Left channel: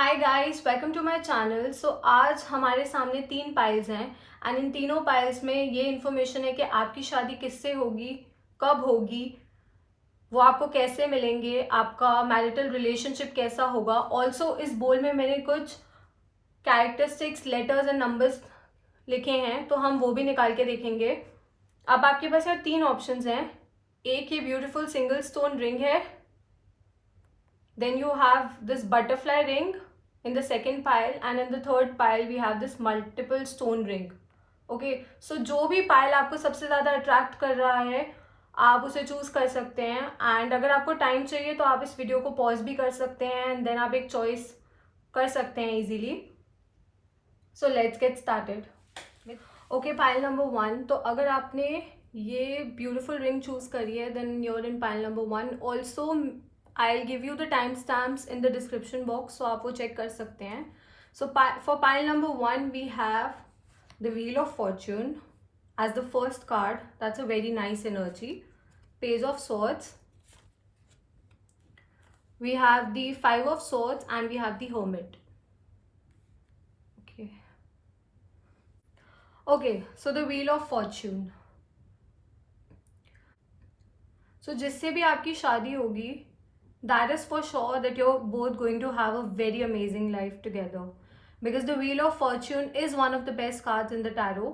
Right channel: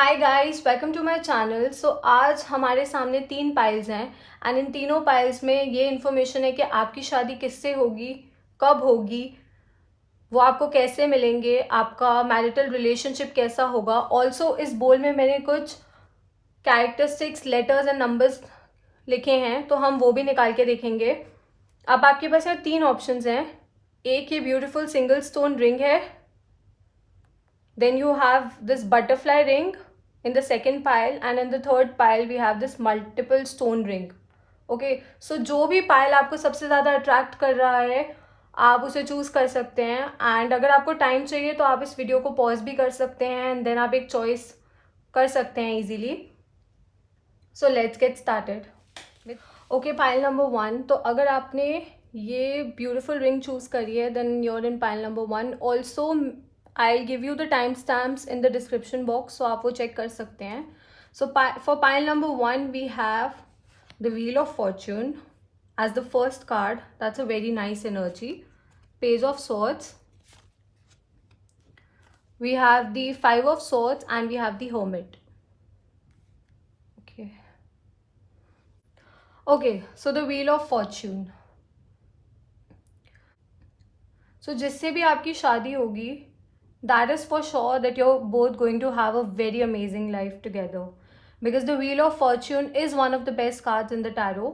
Hi guys, welcome to my channel. So आज हमारे सामने 3 पाइल्स हैं एंड इन तीनों पाइल्स में ये इन्फॉर्मेशन है कि आपकी शादी किससे होगी, कब होगी, वो आपको कैसे मिलेंगे, आपका मैरिटल रिलेशनशिप कैसा होगा। ऑल्सो इस बोल में मैंने कुछ कैरेक्टरिस्टिक्स, लेटर्स एंड नंबर्स लिखे हैं, तो हम वो भी निकाल के देखेंगे। अब आपके पास ये 3 ऑप्शंस हैं। एक ये ब्यूटीफुल सिंगल स्टोन रिंग है, then you have this butterfly ring in the second pile, and in the third pile we have this multiple stone ring. Okay, so जो भी पाइल आपको सबसे ज़्यादा अट्रैक्ट कर रहा है आप उसे चूज कर सकते हैं। एंड अगर आपको टाइम चाहिए तो आप इस वीडियो को पॉज भी कर सकते हैं एंड देन आप एक चॉइस कर सकते हैं easily. So let's get started. Okay, pile number 1। तो अगर आपने ये ब्यूटिफुल रिंग चूज करी है then your in pile number 1। Also I'll give you the timestamps in the description box, so आप वो check कर सकते हैं। So for pile number 1 we have the Wheel of Fortune as the first card. That's a very nice energy. Page of Swords. We have the Five of Swords and we have the Hermit. Okay. Okay, so the Wheel of Fortune. So जिससे भी आपकी शादी होगी, that is for sure that you're both going to have a very amazing life together, because the Wheel of Fortune is one of the best cards in the tarot,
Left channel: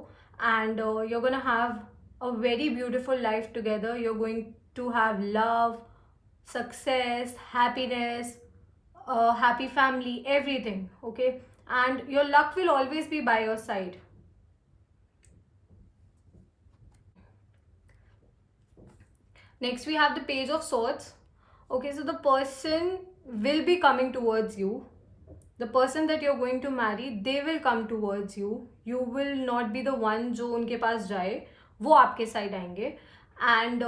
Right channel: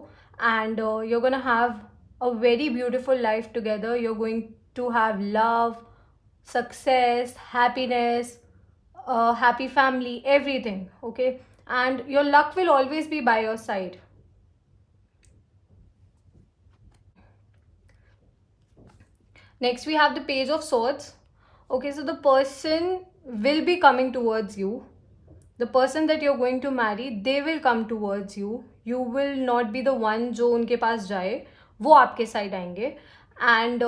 and you're going to have a very beautiful life together. You're going to have love, success, happiness, happy family, everything. Okay, and your luck will always be by your side. Next we have the Page of Swords. Okay, so the person will be coming towards you. The person that you're going to marry, they will come towards you. You will not be the one जो उनके पास जाए, वो आपके side आएंगे। And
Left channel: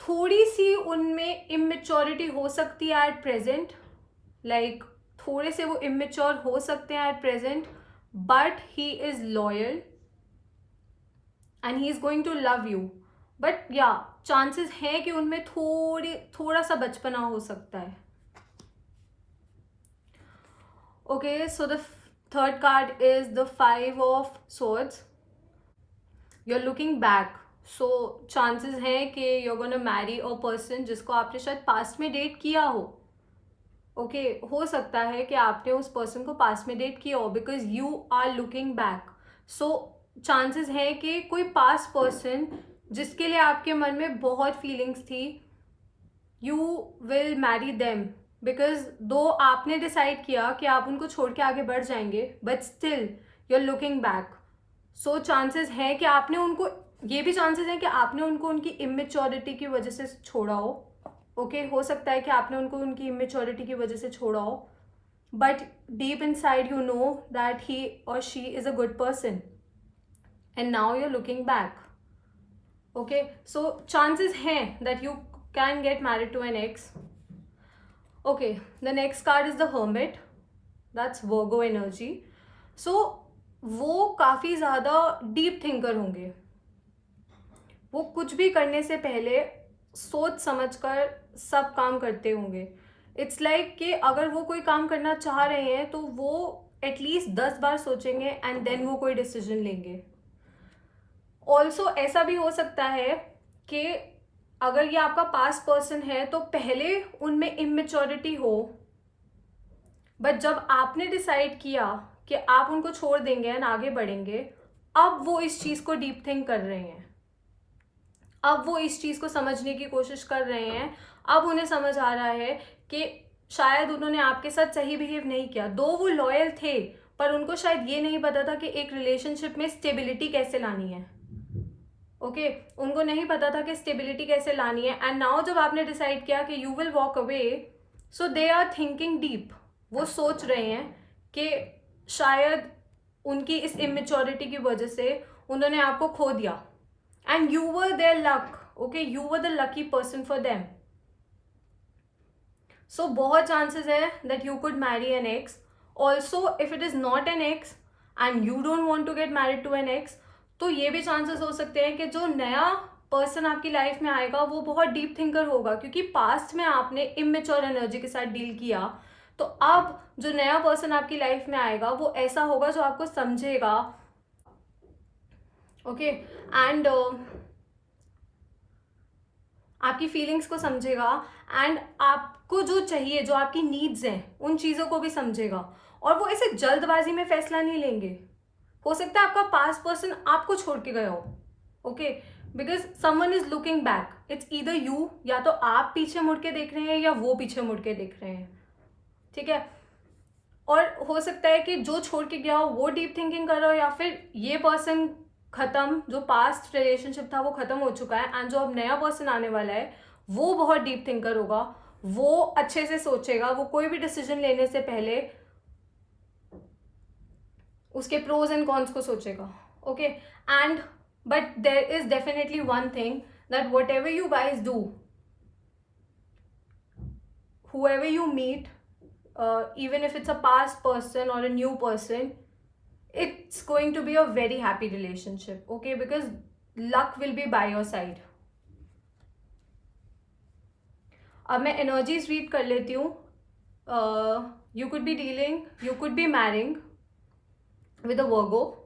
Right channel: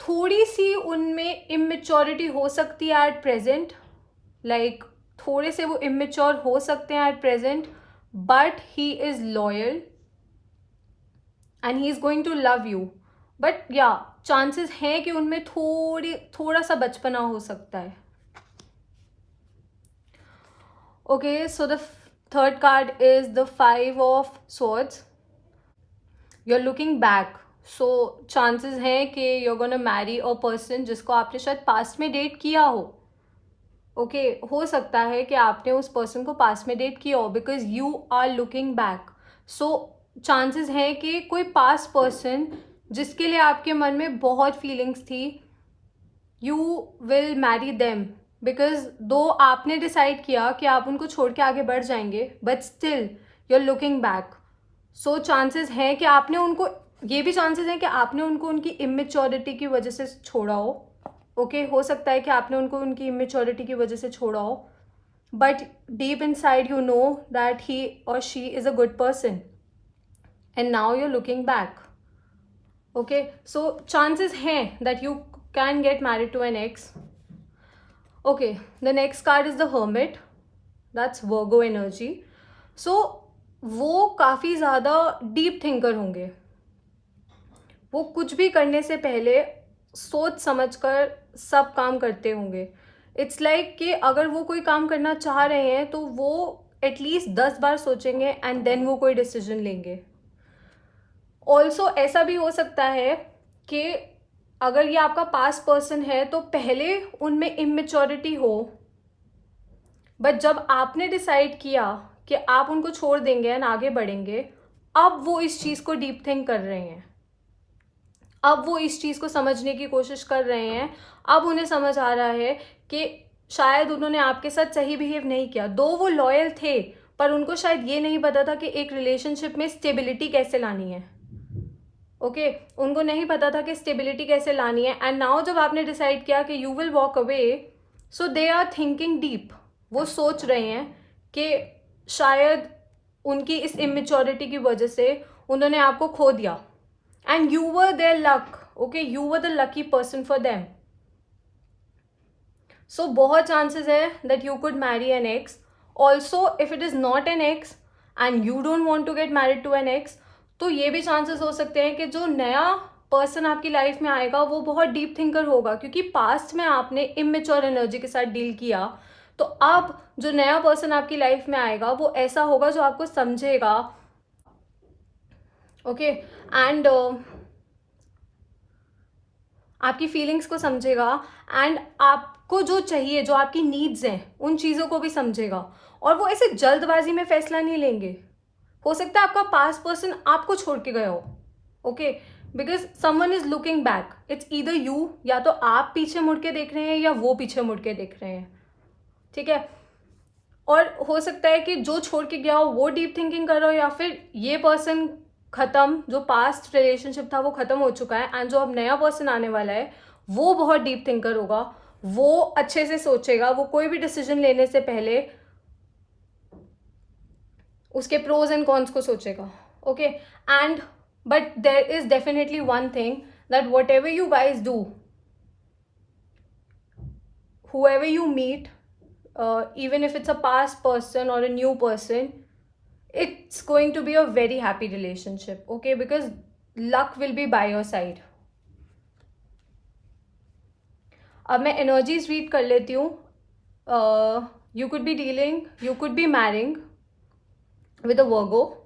थोड़ी सी उनमें immaturity हो सकती है एट प्रेजेंट, लाइक थोड़े से वो इमेच्योर हो सकते हैं at present, but he is loyal and he is going to love you. But या चांसेस हैं कि उनमें थोड़ा सा बचपना हो सकता है। Okay, so the third card is the Five of Swords. You're looking back. So chances हैं कि you're gonna marry a person जिसको आपने शायद पास्ट में डेट किया हो। ओके, हो सकता है कि आपने उस पर्सन को पास्ट में डेट किया हो, because you are looking back. So chances है कि कोई पास्ट पर्सन जिसके लिए आपके मन में बहुत फीलिंग्स थी, you will marry them, because दो आपने डिसाइड किया कि आप उनको छोड़ के आगे बढ़ जाएंगे, but still you are looking back. So chances है कि आपने उनको, ये भी चांसेस है कि आपने उनको उनकी इमेच्योरिटी की वजह से छोड़ा हो। ओके, हो सकता है कि आपने उनको उनकी इमेच्योरिटी की वजह से छोड़ा हो, but deep inside you know that he और she is a good person and now you are looking back. Okay, so chances हैं that you can get married to an ex. Okay, the next card is the Hermit. That's Virgo energy. So वो काफ़ी ज़्यादा deep thinker होंगे। वो कुछ भी करने से पहले सोच समझ कर सब काम करते होंगे। इट्स लाइक कि अगर वो कोई काम करना चाह रहे हैं तो वो एटलीस्ट 10 बार सोचेंगे एंड देन वो कोई डिसीजन लेंगे। ऑल्सो ऐसा भी हो सकता है कि अगर ये आपका पास्ट पर्सन है तो पहले उनमें इमेच्योरिटी हो, बट जब आपने डिसाइड किया कि आप उनको छोड़ देंगे एंड आगे बढ़ेंगे, अब वो इस चीज को डीप थिंक कर रहे हैं, अब वो इस चीज को समझने की कोशिश कर रहे हैं। अब उन्हें समझ आ रहा है कि शायद उन्होंने आपके साथ सही बिहेव नहीं किया। दो वो लॉयल थे, पर उनको शायद ये नहीं पता था कि एक रिलेशनशिप में स्टेबिलिटी कैसे लानी है। ओके, उनको नहीं पता था कि स्टेबिलिटी कैसे लानी है। एंड नाउ जब आपने डिसाइड किया कि you will walk away, so they are thinking deep. वो सोच रहे हैं कि शायद उनकी इस इमेच्योरिटी की वजह से उन्होंने आपको खो दिया and you were their luck. Okay, you were the lucky person for them. So बहुत चांसेस है that you could marry an ex. Also if it is not an ex and you don't want to get married to an ex, तो ये भी chances हो सकते हैं कि जो नया पर्सन आपकी लाइफ में आएगा वो बहुत डीप थिंकर होगा, क्योंकि पास्ट में आपने इमेच्योर एनर्जी के साथ डील किया। तो अब जो नया पर्सन आपकी लाइफ में आएगा वो ऐसा होगा जो आपको समझेगा, ओके, एंड आपकी फीलिंग्स को समझेगा, एंड आपको जो चाहिए, जो आपकी नीड्स हैं, उन चीज़ों को भी समझेगा। और वो ऐसे जल्दबाजी में फैसला नहीं लेंगे। हो सकता है आपका पास्ट पर्सन आपको छोड़ के गया हो, okay, because someone is looking back, it's either you, या तो आप पीछे मुड़ के देख रहे हैं या वो पीछे मुड़ के देख रहे हैं, ठीक है। और हो सकता है कि जो छोड़ के गया हो वो डीप थिंकिंग कर रहा हो, या फिर ये पर्सन खत्म, जो पास्ट रिलेशनशिप था वो खत्म हो चुका है, एंड जो अब नया पर्सन आने वाला है वो बहुत डीप थिंकर होगा। वो अच्छे से सोचेगा, वो कोई भी डिसीजन लेने से पहले उसके प्रोज एंड कॉन्स को सोचेगा, okay. And but there is definitely one thing, that what ever you guys do, whoever you meet, even if it's a past person or a new person, it's going to be a very happy relationship, okay, because luck will be by your side. अब मैं energies read कर लेती हूँ. You could be dealing, you could be marrying with a Virgo,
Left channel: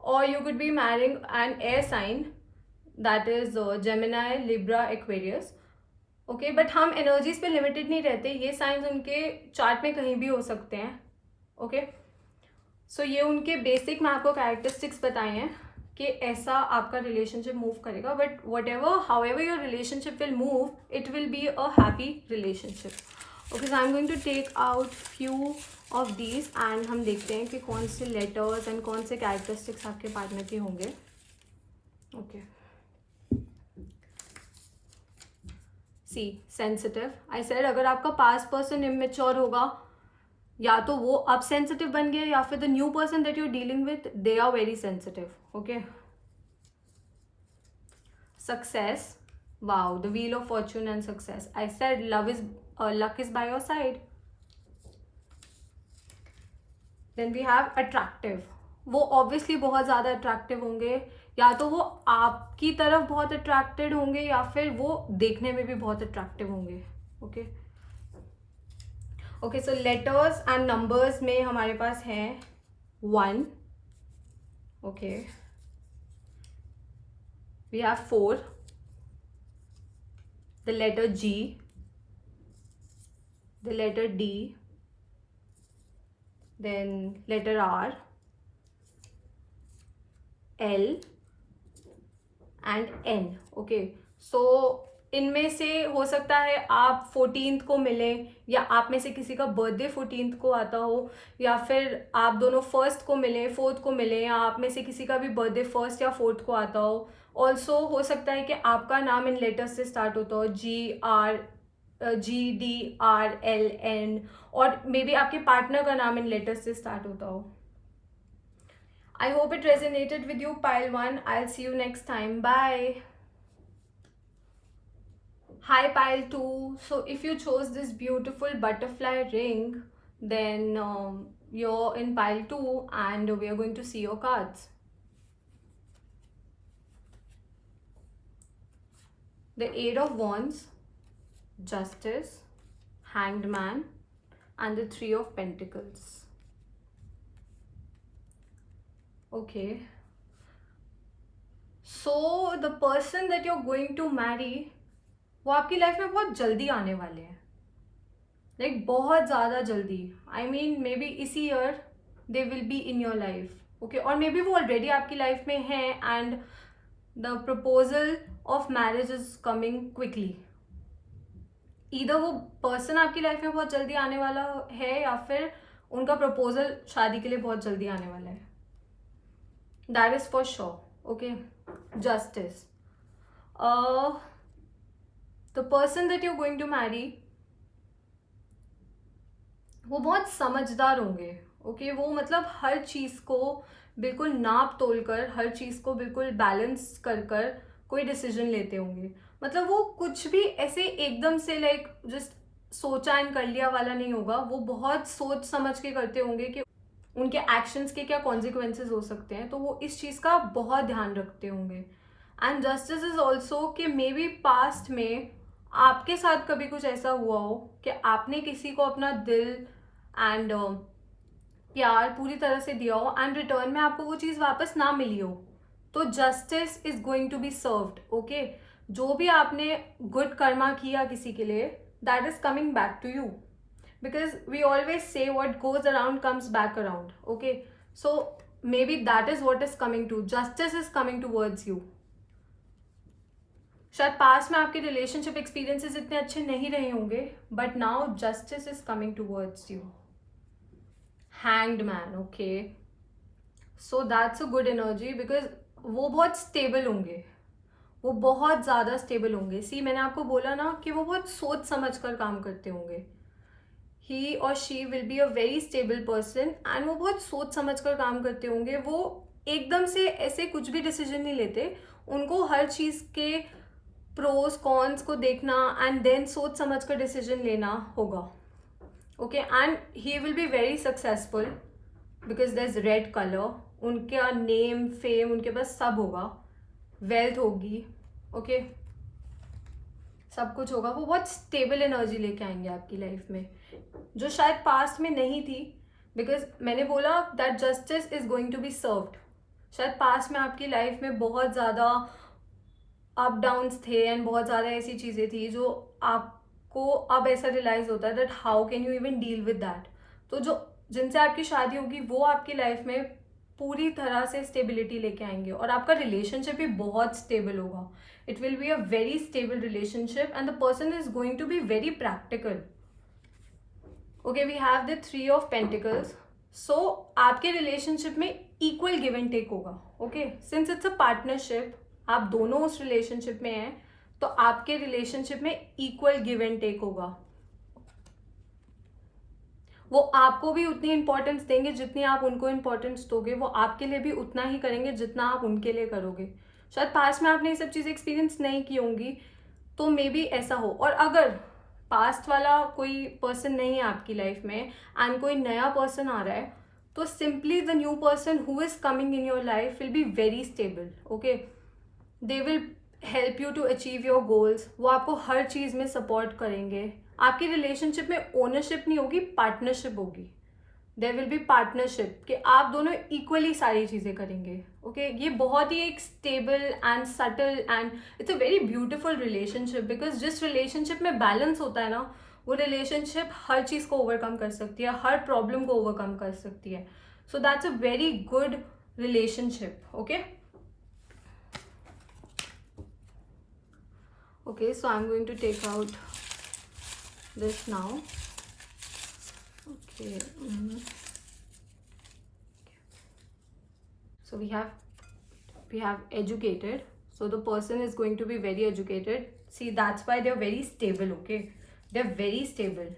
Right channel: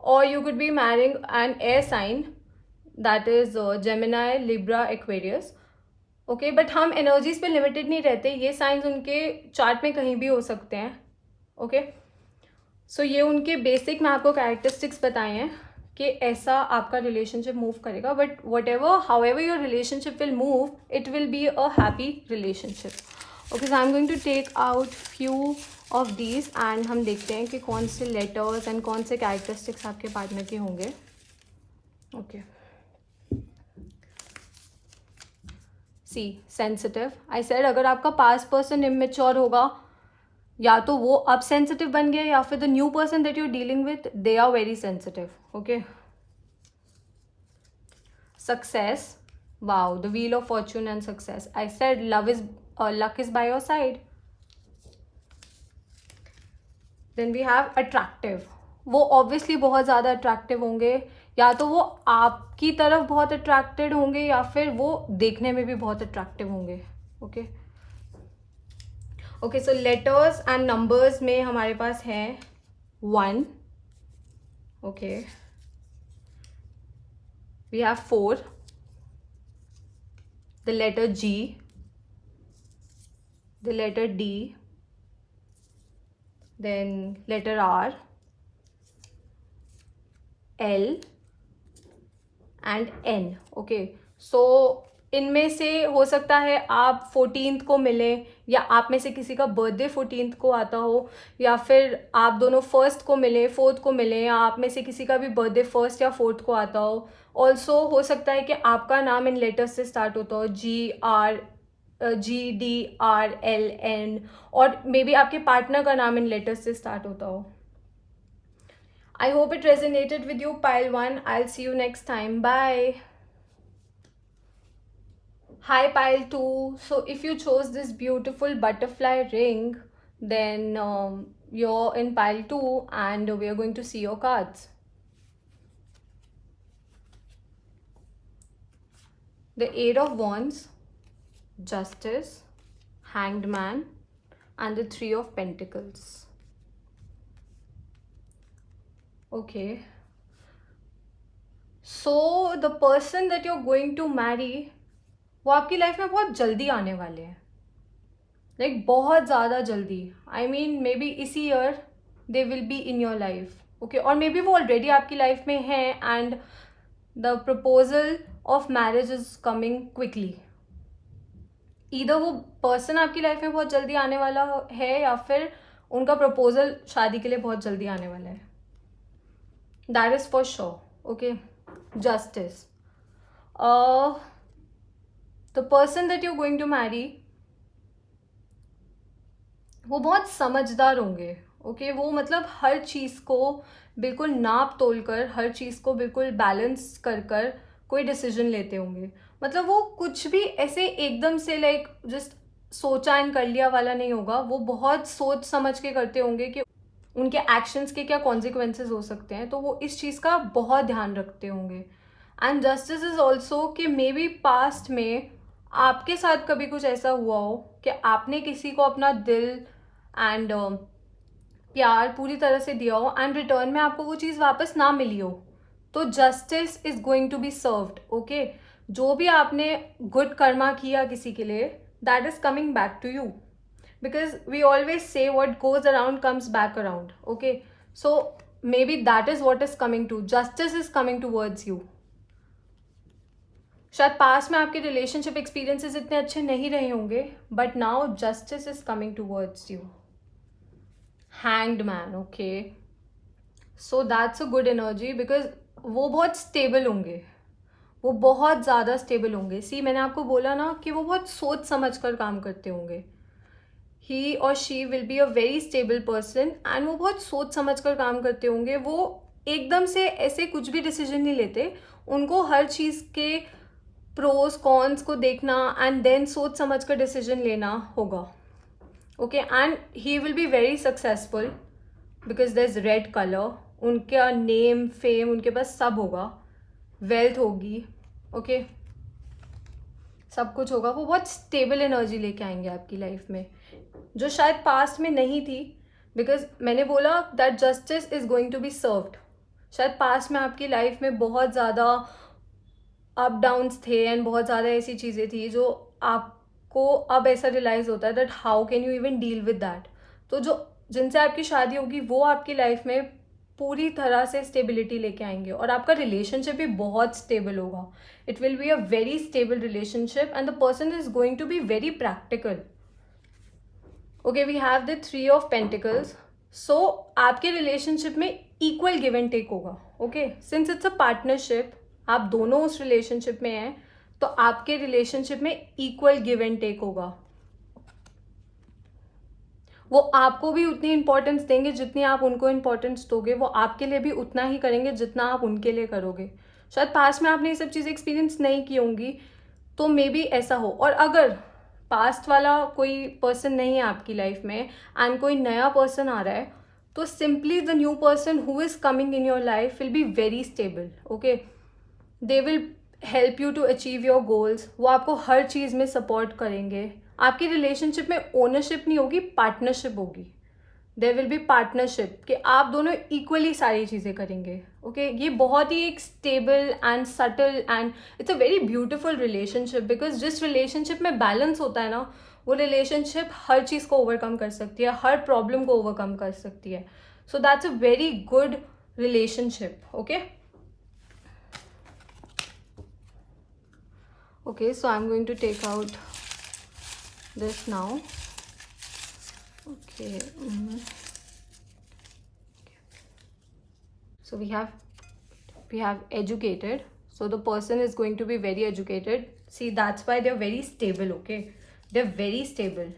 or you could be marrying an air sign, that is Gemini, Libra, Aquarius. Okay, but हम energies पे limited नहीं रहते, ये साइंस उनके chart में कहीं भी हो सकते हैं, ओके। सो ये उनके बेसिक मैं आपको कैरेक्टरिस्टिक्स बताए हैं कि ऐसा आपका रिलेशनशिप मूव करेगा, but whatever, however your relationship will move, it will be a happy relationship, okay. So I am going to take out few of these, and हम देखते हैं कि कौन से लेटर्स एंड कौन से characteristics आपके पार्टनर के होंगे, okay. See sensitive, I said अगर आपका पास्ट पर्सन इमेच्योर होगा, या तो वो अब सेंसिटिव बन गया, या फिर the new person that you dealing with, they are very sensitive, okay. Success, wow, the wheel of fortune and success, I said love is, luck is by your side. Then we have attractive, वो obviously बहुत ज़्यादा attractive होंगे, या तो वो आपकी तरफ बहुत अट्रैक्टेड होंगे, या फिर वो देखने में भी बहुत अट्रैक्टिव होंगे, okay. Okay, so letters and numbers में हमारे पास हैं 1, okay, we have 4, the letter G, the letter D, then letter R, L and N, okay. So इनमें से हो सकता है आप 14th को मिलें, या आप में से किसी का बर्थडे 14th को आता हो, या फिर आप दोनों 1st को मिले, 4th को मिले, या आप में से किसी का भी बर्थडे 1st या 4th को आता हो. ऑल्सो हो सकता है कि आपका नाम इन लेटर्स से स्टार्ट होता हो, GDRL, और मे बी आपके पार्टनर का नाम इन लेटर्स से स्टार्ट होता हो. I hope it resonated with you, pile 1. I'll see you next time. Bye. Hi, pile 2. So if you chose this beautiful butterfly ring, then you're in pile 2, and we are going to see your cards. The Eight of Wands, Justice, Hanged Man, and the Three of Pentacles. Okay. So the person that you're going to marry, वो आपकी life में बहुत जल्दी आने वाले हैं, like बहुत ज़्यादा जल्दी. आई मीन मे बी इसी year they will be in your life, okay. और मे बी वो ऑलरेडी आपकी लाइफ में है, and the proposal of marriage is coming quickly. Either वो पर्सन आपकी लाइफ में बहुत जल्दी आने वाला है, या फिर उनका प्रपोजल शादी के लिए बहुत जल्दी आने वाला है. That is for sure, okay. Justice, the person that you're going to marry, वो बहुत समझदार होंगे, ओके. वो मतलब हर चीज़ को बिल्कुल नाप तोल कर, हर चीज़ को बिल्कुल बैलेंस कर कर कोई डिसीजन लेते होंगे. मतलब वो कुछ भी ऐसे एकदम से लाइक जस्ट सोचा एंड कर लिया वाला नहीं होगा. वो बहुत सोच समझ के करते होंगे कि उनके एक्शंस के क्या कॉन्सिक्वेंसेज हो सकते हैं, तो वो इस चीज़ का बहुत ध्यान रखते होंगे. एंड जस्टिस इज ऑल्सो कि मे बी पास्ट में आपके साथ कभी कुछ ऐसा हुआ हो कि आपने किसी को अपना दिल एंड प्यार पूरी तरह से दिया हो एंड रिटर्न में आपको वो चीज़ वापस ना मिली हो, तो justice is going to be served. Okay, जो भी आपने गुड कर्मा किया किसी के लिए, that is coming back to you, because we always say what goes around comes back around. Okay, so maybe that is what is coming to, justice is coming towards you. शायद past में आपके relationship experiences इतने अच्छे नहीं रहे होंगे, but now justice is coming towards you. Hanged man, okay, so that's a good energy, because वो बहुत स्टेबल होंगे, वो बहुत ज़्यादा स्टेबल होंगे। सी, मैंने आपको बोला ना कि वो बहुत सोच समझ कर काम करते होंगे। ही और she will be a very stable person and वो बहुत सोच समझ कर काम करते होंगे। वो एकदम से ऐसे कुछ भी डिसीजन नहीं लेते, उनको हर चीज़ के प्रोज कॉन्स को देखना एंड देन सोच समझ कर डिसीजन लेना होगा। Okay, and he will be very successful because there is red colour, उनका नेम फेम उनके पास सब होगा, वेल्थ होगी, ओके, सब कुछ होगा। वो बहुत स्टेबल एनर्जी लेके आएंगे आपकी लाइफ में, जो शायद पास्ट में नहीं थी, बिकॉज मैंने बोला that justice is going to be served. शायद पास्ट में आपकी लाइफ में बहुत ज़्यादा अप डाउन्स थे एंड बहुत ज़्यादा ऐसी चीज़ें थी जो आपको अब ऐसा रियलाइज होता है that how can you even deal with that. तो जो जिनसे आपकी शादी होगी वो आपकी लाइफ में पूरी तरह से स्टेबिलिटी लेके आएंगे और आपका रिलेशनशिप भी बहुत स्टेबल होगा। It will be a very stable relationship and the person is going to be very practical. Okay, we have the 3 of pentacles. So आपके रिलेशनशिप में इक्वल गिव एंड टेक होगा। Okay, since it's a partnership, आप दोनों उस relationship में हैं, तो आपके रिलेशनशिप में इक्वल गिव एंड टेक होगा। वो आपको भी उतनी इंपॉर्टेंस देंगे जितनी आप उनको इंपॉर्टेंस दोगे, वो आपके लिए भी उतना ही करेंगे जितना आप उनके लिए करोगे। शायद पास्ट में आपने ये सब चीज़ें एक्सपीरियंस नहीं की होंगी, तो मे बी ऐसा हो। और अगर पास्ट वाला कोई पर्सन नहीं है आपकी लाइफ में एंड कोई नया पर्सन आ रहा है, तो simply the new person who is coming in your life will be very stable. Okay, they will help you to achieve your goals, वो आपको हर चीज़ में सपोर्ट करेंगे। आपकी रिलेशनशिप में ओनरशिप नहीं होगी, पार्टनरशिप होगी। देर विल बी पार्टनरशिप कि आप दोनों इक्वली सारी चीज़ें करेंगे। ओके, ये बहुत ही एक stable and subtle and it's a very beautiful relationship, because जिस रिलेशनशिप में बैलेंस होता है ना, वो रिलेशनशिप हर चीज़ को ओवरकम कर सकती है, हर प्रॉब्लम को ओवरकम कर सकती है। सो that's a very good relationship. Okay, okay, so I'm going to take out this now. Okay, so we have educated, so the person is going to be very educated. See, that's why they're very stable. Okay, they're very stable.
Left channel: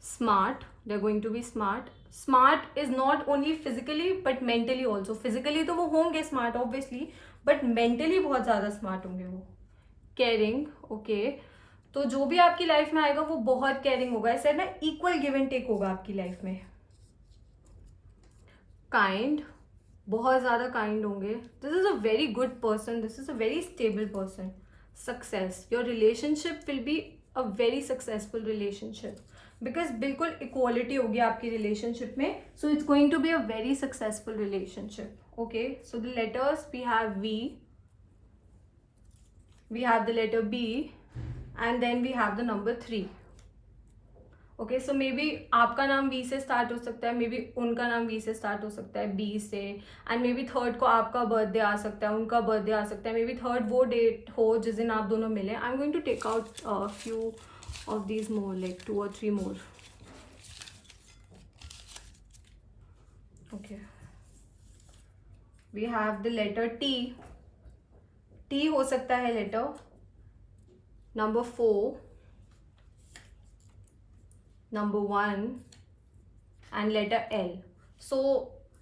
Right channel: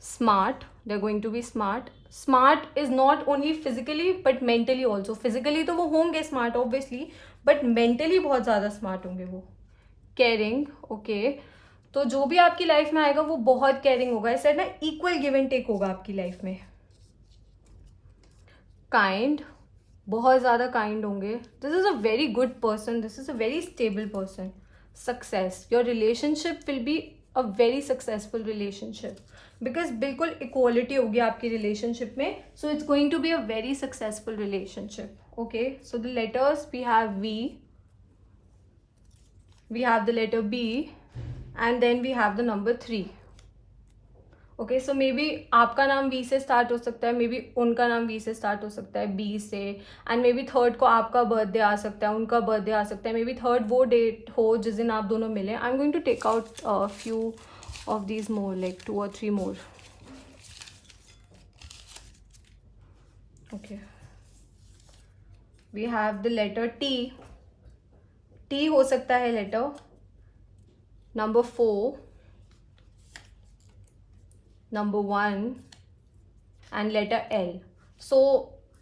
Smart, they're going to be smart. Smart is not only physically but mentally also. Physically तो वो होंगे smart obviously, but mentally बहुत ज़्यादा smart होंगे वो। Caring, okay, तो जो भी आपकी लाइफ में आएगा वो बहुत केयरिंग होगा। इस साइड ना इक्वल गिव एंड टेक होगा आपकी लाइफ में। काइंड, बहुत ज़्यादा काइंड होंगे। This is a very good person, this is a very stable person. Success, your relationship will be a very successful relationship, because बिल्कुल इक्वालिटी होगी आपकी रिलेशनशिप में। So it's going to be a very successful relationship. Okay, so the letters we have we, we have the letter B, and then we have the number 3. Okay, so may be आपका नाम we से start हो सकता है, maybe उनका नाम we से start हो सकता है, बी से, एंड मे बी थर्ड को आपका बर्थडे आ सकता है, उनका बर्थडे आ सकता है, मे बी थर्ड वो डेट हो जिस दिन आप दोनों मिले। I am going to take out few of these more, like 2 or 3 more. Okay, we have the letter T. T हो सकता है letter number 4, number 1 and letter L. So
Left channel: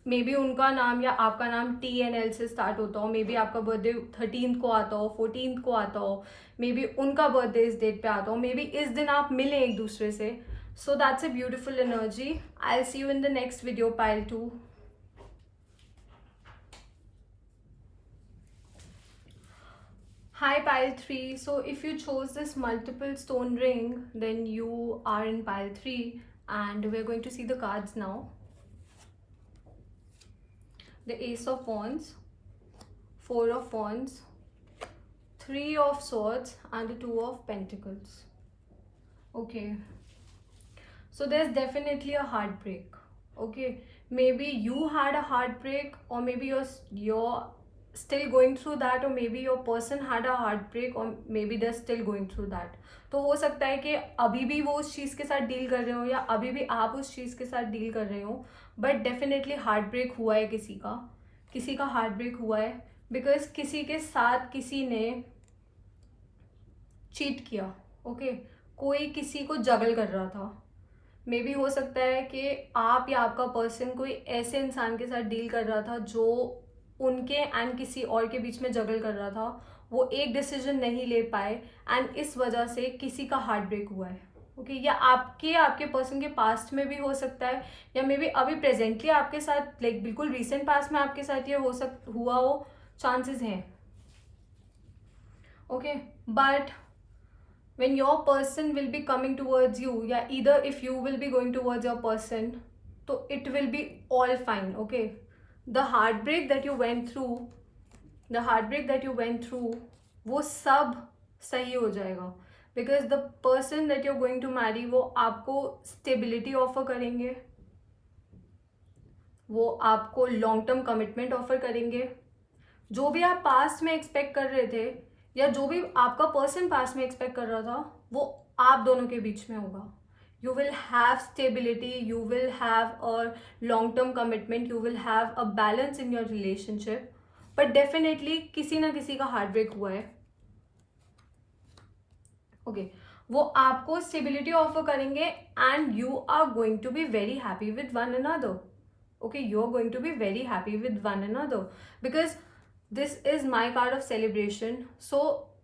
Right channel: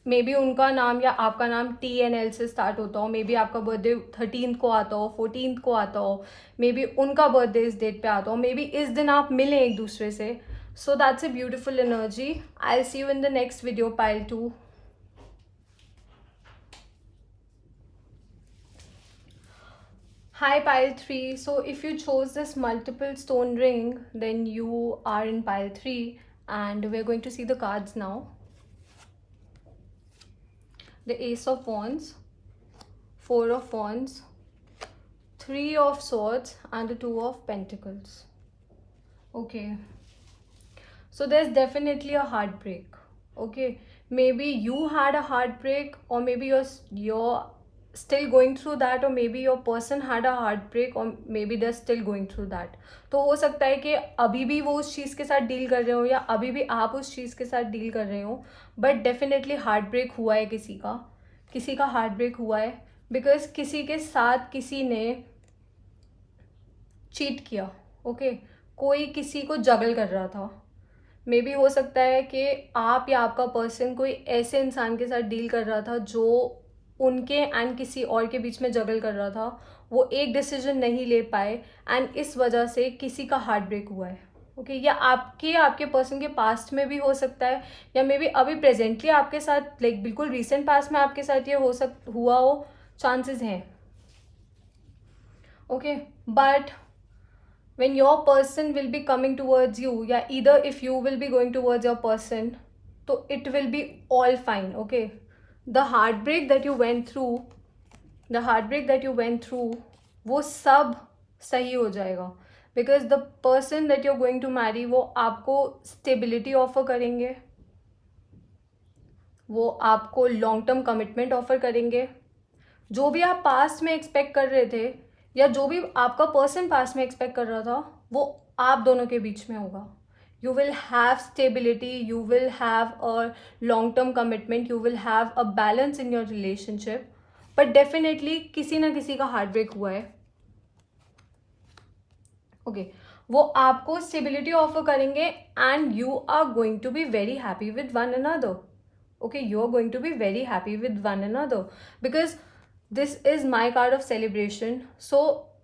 maybe उनका नाम या आपका नाम टी एंड एल से start होता हो, मे बी आपका बर्थडे 13th को आता हो, 14th को आता हो, मे बी उनका बर्थडे इस डेट पे आता हो, मे बी इस दिन आप मिले एक दूसरे से। So that's a beautiful energy. I see you in the next video, pile 2। Hi, pile 3. So, if you chose this multiple stone ring, then you are in pile 3, and we're going to see the cards now. The Ace of Wands, Four of Wands, Three of Swords, and the Two of Pentacles. Okay, so there's definitely a heartbreak. Okay, maybe you had a heartbreak, or maybe you're still going through that, or maybe your person had a heartbreak, or maybe they're still going through that. तो हो सकता है कि अभी भी वो उस चीज़ के साथ डील कर रहे हो, या अभी भी आप उस चीज़ के साथ डील कर रहे हो, बट डेफिनेटली हार्ट ब्रेक हुआ है किसी का हार्ट ब्रेक हुआ है, बिकॉज किसी के साथ किसी ने चीट किया. ओके, कोई किसी को जगल कर रहा था. मे बी हो सकता है कि आप या आपका पर्सन कोई ऐसे इंसान के साथ डील कर रहा था जो उनके एंड किसी और के बीच में जगल कर रहा था. वो एक डिसीजन नहीं ले पाए, एंड इस वजह से किसी का हार्ट ब्रेक हुआ है. ओके, या आपके पर्सन के पास्ट में भी हो सकता है, या मे बी अभी प्रेजेंटली आपके साथ, लाइक बिल्कुल रिसेंट पास्ट में आपके साथ ये हुआ हो. चांसेस हैं. Okay, but when your person will be coming towards you, yeah, either if you will be going towards your person, so it will be all fine. Okay, the heartbreak that you went through, the heartbreak that you went through, वो सब सही हो जाएगा. Because the person that you are going to marry, वो आपको stability offer करेंगे, वो आपको लॉन्ग टर्म कमिटमेंट ऑफर करेंगे. जो भी आप पास्ट में एक्सपेक्ट कर रहे थे, या जो भी आपका पर्सन पास्ट में एक्सपेक्ट कर रहा था, वो आप दोनों के बीच में होगा. You will have stability, you will have a long term commitment, you will have a balance in your relationship. But definitely किसी ना किसी का हार्ट ब्रेक हुआ है. ओके, वो आपको स्टेबिलिटी ऑफर करेंगे, and you are going to be very happy with one another. Okay, you're going to be very happy with one another, because this is my card of celebration. So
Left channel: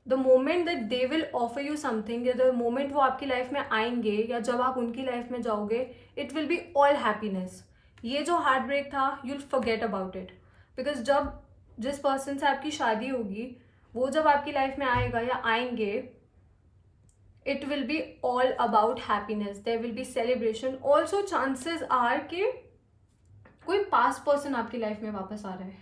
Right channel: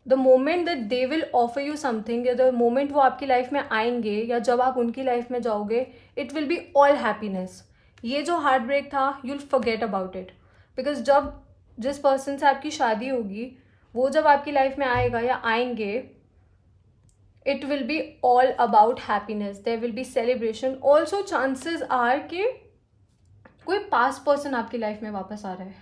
the moment that they will offer you something, या the moment वो आपकी life में आएंगे, या जब आप उनकी life में जाओगे, it will be all happiness. ये जो हार्ट ब्रेक था, you'll forget about it. because जब जिस पर्सन से आपकी शादी होगी, वो जब आपकी लाइफ में आएगा या आएंगे, it will be all about happiness. There will be celebration. Also chances are कि कोई पास्ट पर्सन आपकी लाइफ में वापस आ रहा है,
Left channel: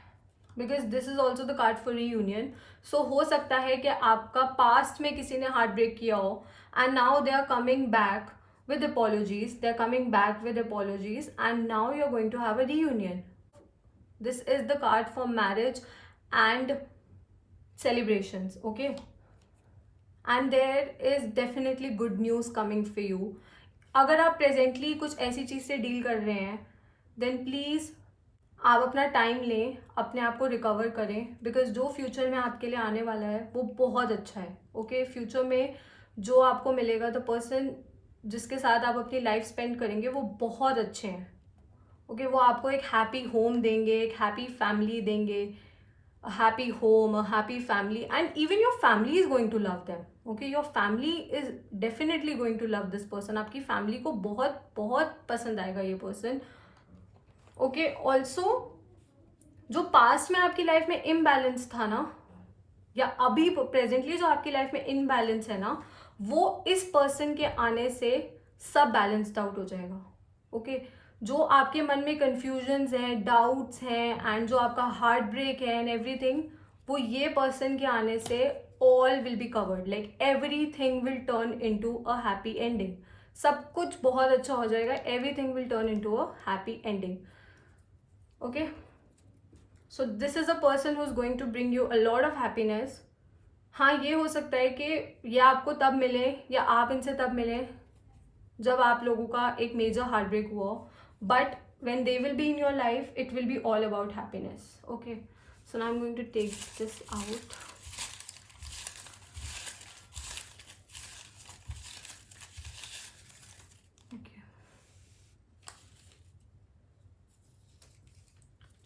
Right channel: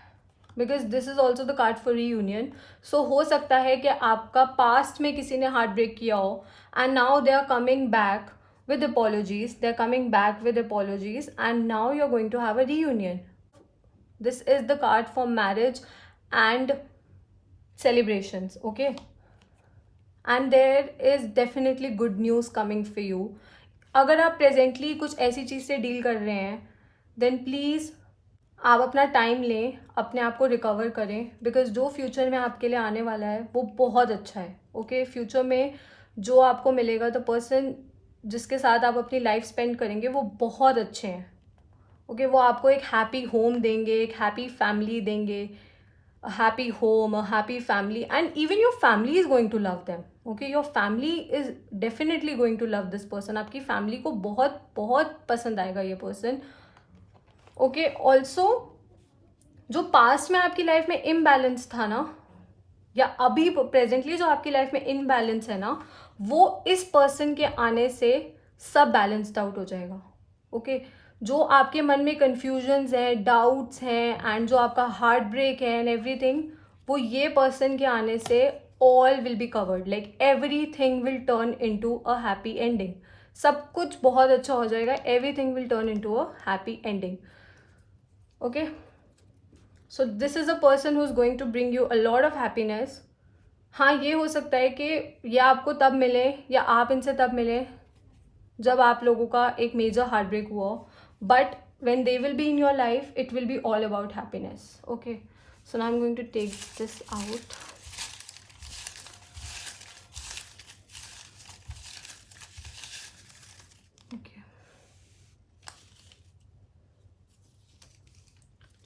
because this is also the card for reunion. So हो सकता है कि आपका पास्ट में किसी ने हार्ट ब्रेक किया हो, and now they are coming back with apologies. They're coming back with apologies, and now you're going to have a reunion. This is the card for marriage and celebrations. Okay, and there is definitely good news coming for you. अगर आप presently कुछ ऐसी चीज़ से deal कर रहे हैं, then please आप अपना टाइम लें, अपने आप को रिकवर करें, बिकॉज जो फ्यूचर में आपके लिए आने वाला है वो बहुत अच्छा है. ओके, फ्यूचर में जो आपको मिलेगा, द पर्सन जिसके साथ आप अपनी लाइफ स्पेंड करेंगे, वो बहुत अच्छे हैं. ओके, वो आपको एक हैप्पी होम देंगे, एक हैप्पी फैमिली देंगे. A happy home, a happy family, and even your family is going to love them. Okay, your family is definitely going to love this person. आपकी फैमिली को बहुत बहुत पसंद आएगा ये पर्सन. ओके, ऑल्सो जो past में आपकी लाइफ में इम्बैलेंस था ना, या अभी प्रेजेंटली जो आपकी लाइफ में इम्बैलेंस है ना, वो इस पर्सन के आने से सब बैलेंस्ड आउट हो जाएगा. ओके, जो आपके मन में कंफ्यूजन्स हैं, डाउट्स हैं, एंड जो आपका हार्ट ब्रेक है एंड एवरीथिंग, वो ये पर्सन के आने से all will be covered. Like everything will turn into a happy ending. सब कुछ बहुत अच्छा हो जाएगा. Everything will turn into a happy ending. Okay, so this is a person who is going to bring you a lot of happiness. हाँ, ये हो सकता है कि ये आपको तब मिले, या आप इनसे तब मिले जब आप लोगों का एक मेजर हार्ट ब्रेक हुआ. But when they will be in your life, it will be all about happiness. Okay, so now I'm going to take this out. Okay,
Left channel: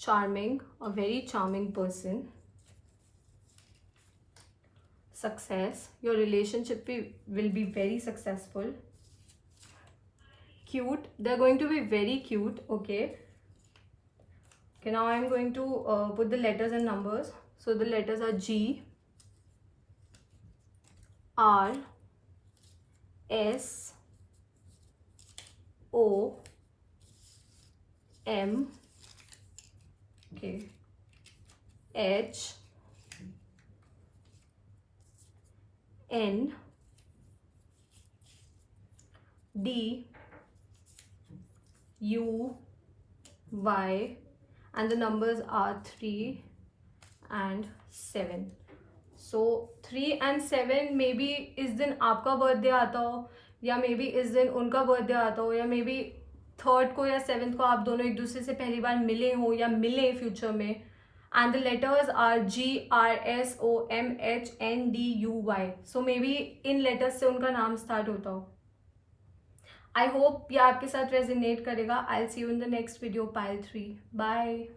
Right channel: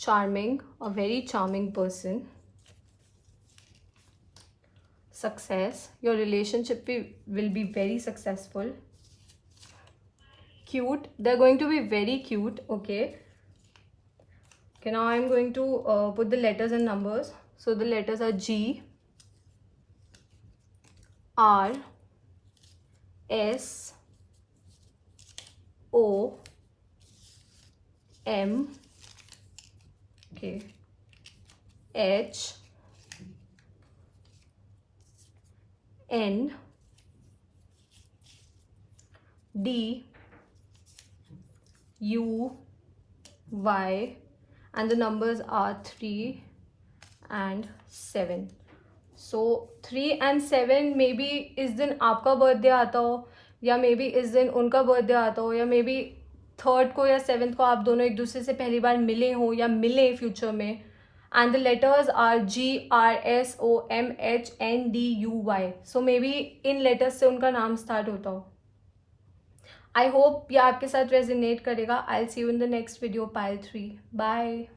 charming, a very charming person. Success, your relationship will be very successful. Cute, they're going to be very cute. Okay, now I'm going to put the letters and numbers. So the letters are G, R S O M, okay, H N D U Y, and the numbers are 3 and 7. So 3 and 7 may be इस दिन आपका birthday आता हो, या may be इस दिन उनका birthday आता हो, या मे बी थर्ड को या सेवेंथ को आप दोनों एक दूसरे से पहली बार मिले हो या मिले फ्यूचर में. And the letters are GRSOMHNDUY. So maybe इन लेटर्स से उनका नाम स्टार्ट होता हो. आई होप ये आपके साथ रेजोनेट करेगा. I will see you in the next video, pile 3. Bye.